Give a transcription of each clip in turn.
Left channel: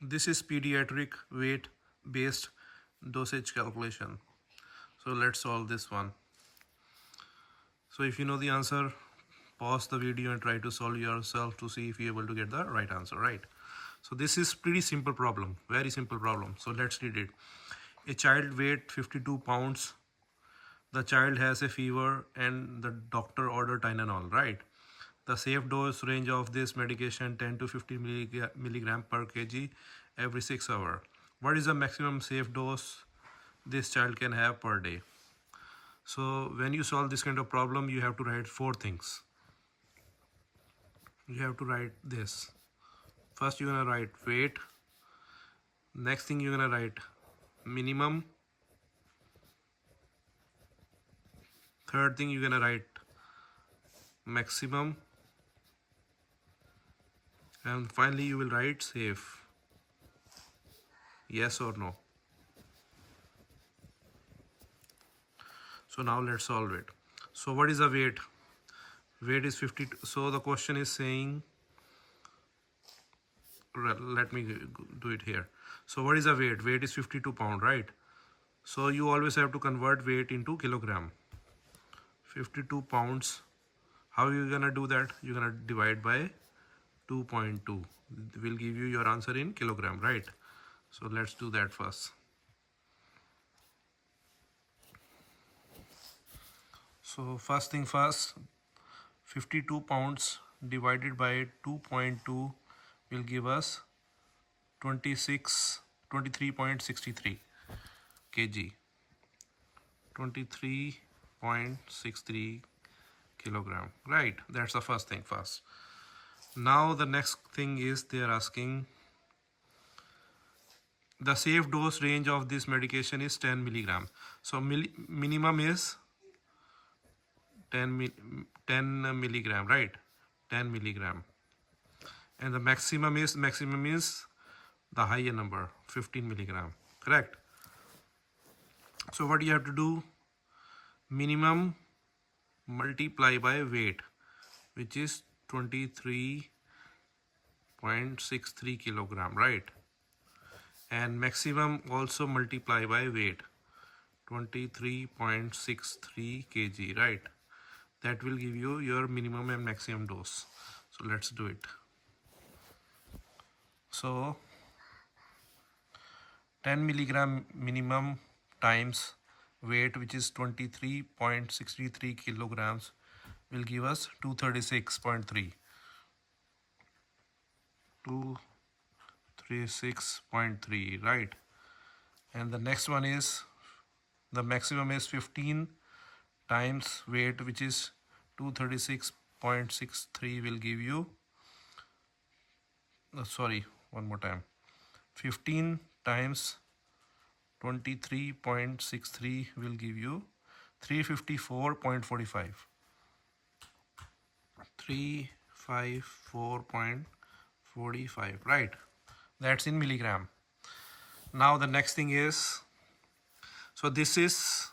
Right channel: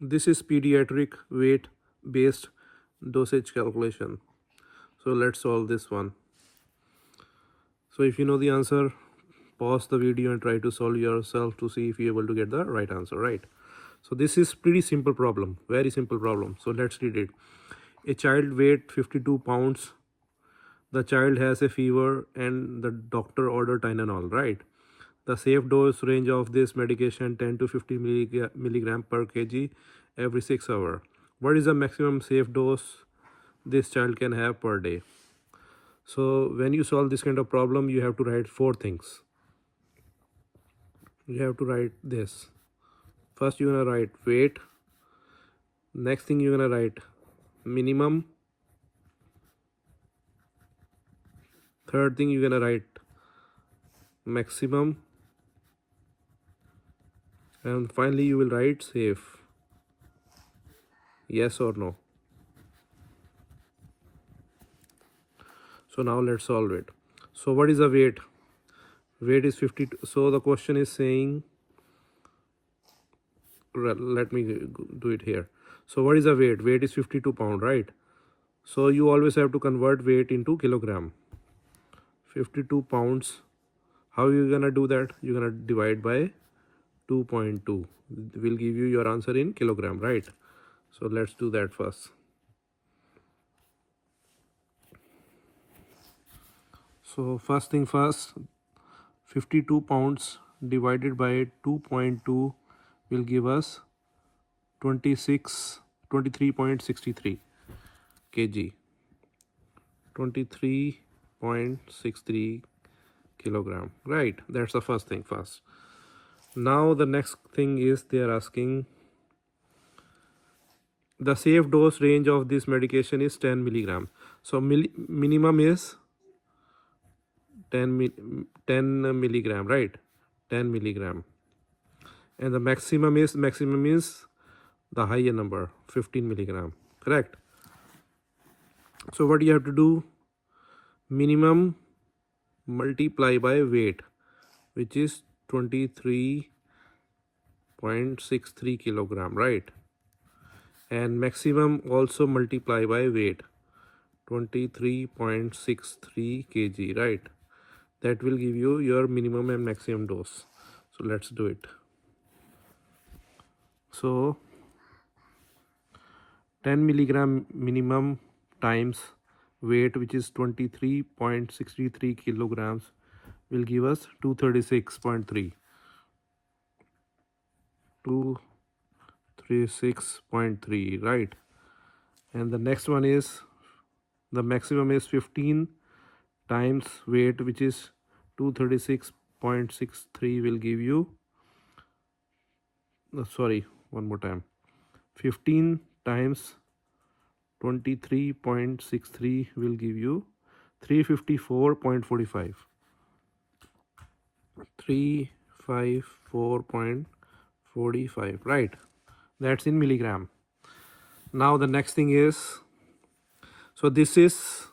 This is pediatric weight based dosage calculation. So let's solve this one. So if you know the answer, pause the video and try to solve yourself to see if you're able to get the right answer, right? So this is pretty simple problem, very simple problem. So let's read it. A child weight 52 pounds. The child has a fever and the doctor ordered Tylenol, right? The safe dose range of this medication 10 to 50 milligram per kg every 6 hours. What is the maximum safe dose this child can have per day? So when you solve this kind of problem, you have to write four things. You have to write this. First you're gonna write weight. Next thing you're gonna write minimum. Third thing you're gonna write maximum. And finally you will write safe. Yes or no. So now let's solve it. So what is the weight? Weight is 52. So the question is saying, let me do it here. So what is the weight? Weight is 52 pound, right? So you always have to convert weight into kilogram. 52 pounds. How you gonna do that? You're gonna divide by 2.2. Will give you your answer in kilogram, right? So let's do that first. So first thing first, 52 pounds divided by 2.2 will give us 23.63 kg. 23.63 kilogram, right? That's the first thing first. Now the next thing is they are asking the safe dose range of this medication is 10 milligram. So minimum is 10 milligram, right? 10 milligram. And the maximum is the higher number, 15 milligram, correct? So what you have to do, minimum multiply by weight, which is 23.63 kilogram, right? And maximum also multiply by weight, 23.63 kg, right? That will give you your minimum and maximum dose. So let's do it. So 10 milligram minimum times weight, which is 23.63 kilograms, will give us 236.3. 236.3, right? And the next one is the maximum is 15 times weight, which is 236.63, will give you, sorry, one more time, 15 times 23.63 will give you 354.45. 354.45, right? That's in milligram. Now the next thing is, so this is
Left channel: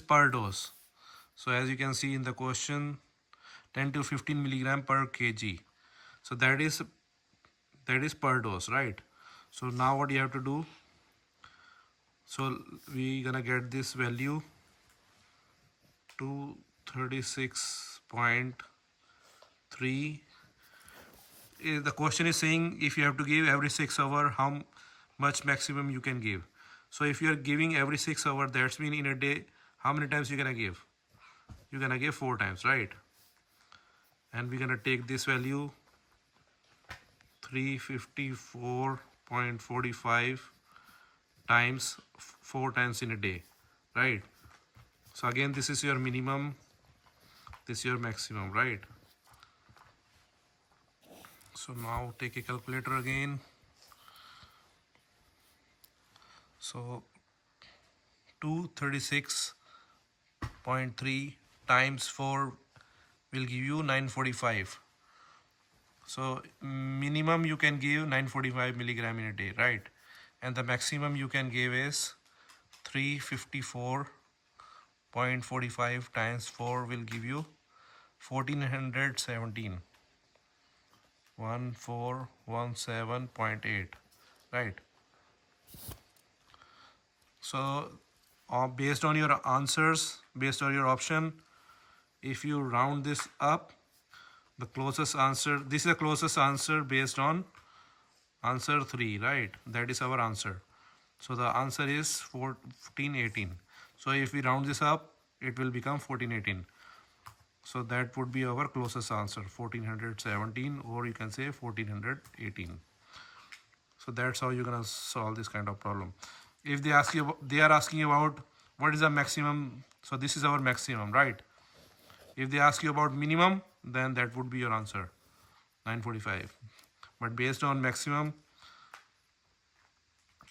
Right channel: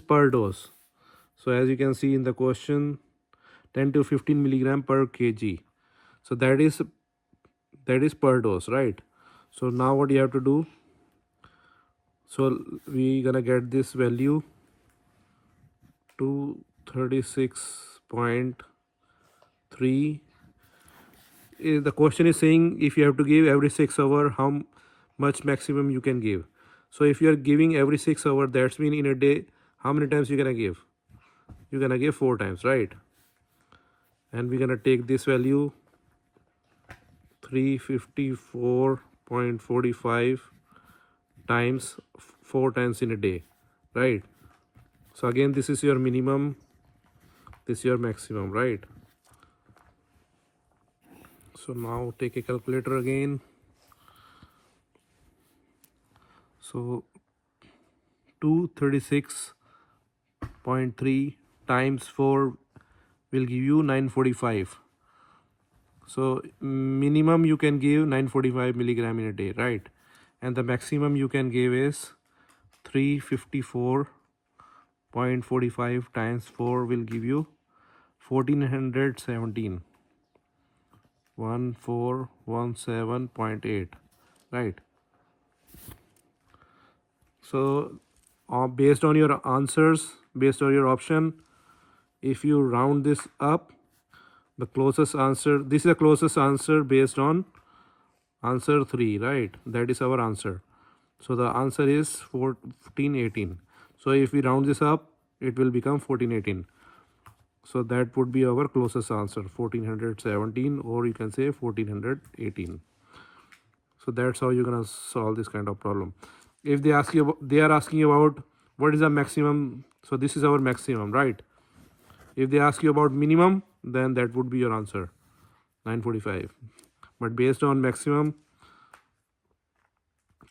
per dose. So as you can see in the question, 10 to 15 milligram per kg. So that is per dose, right? So now what you have to do, so we gonna get this value 236.3. The question is saying if you have to give every 6 hours, how much maximum you can give. So if you are giving every 6 hours, that's mean in a day, how many times you're gonna give? You're gonna give 4 times, right? And we're gonna take this value 354.45 times 4 times in a day, right? So again, this is your minimum, this is your maximum, right? So now take a calculator again. So 236.3 times 4 will give you 945. So minimum you can give 945 milligram in a day, right? And the maximum you can give is 354.45 times 4 will give you 1417. 1417.8, right? So based on your answers, based on your option, if you round this up, the closest answer, this is the closest answer based on answer 3, right? That is our answer. So the answer is 1418. So if we round this up, it will become 1418. So that would be our closest answer, 1417, or you can say 1418. So that's how you're gonna solve this kind of problem. If they ask you about, they are asking about what is the maximum, so this is our maximum, right? If they ask you about minimum, then that would be your answer, 945. But based on maximum,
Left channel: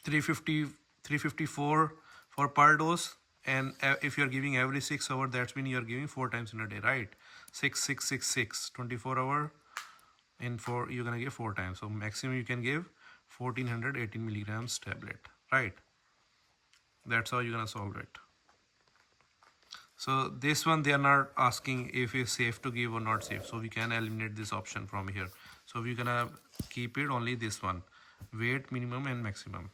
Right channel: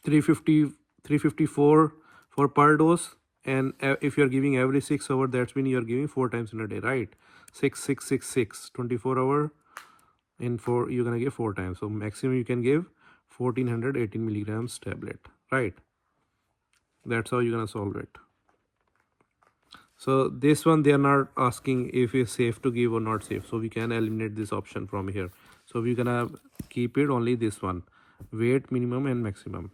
350, 354 for per dose, and if you're giving every 6 hours, that's mean you're giving 4 times in a day, right? 6 6 6 6 24 hour in 4, you're gonna give 4 times. So maximum you can give 1418 milligrams tablet, right? That's how you're gonna solve it. So this one, they are not asking if it's safe to give or not safe, so we can eliminate this option from here. So we're gonna keep it only this one, weight, minimum and maximum.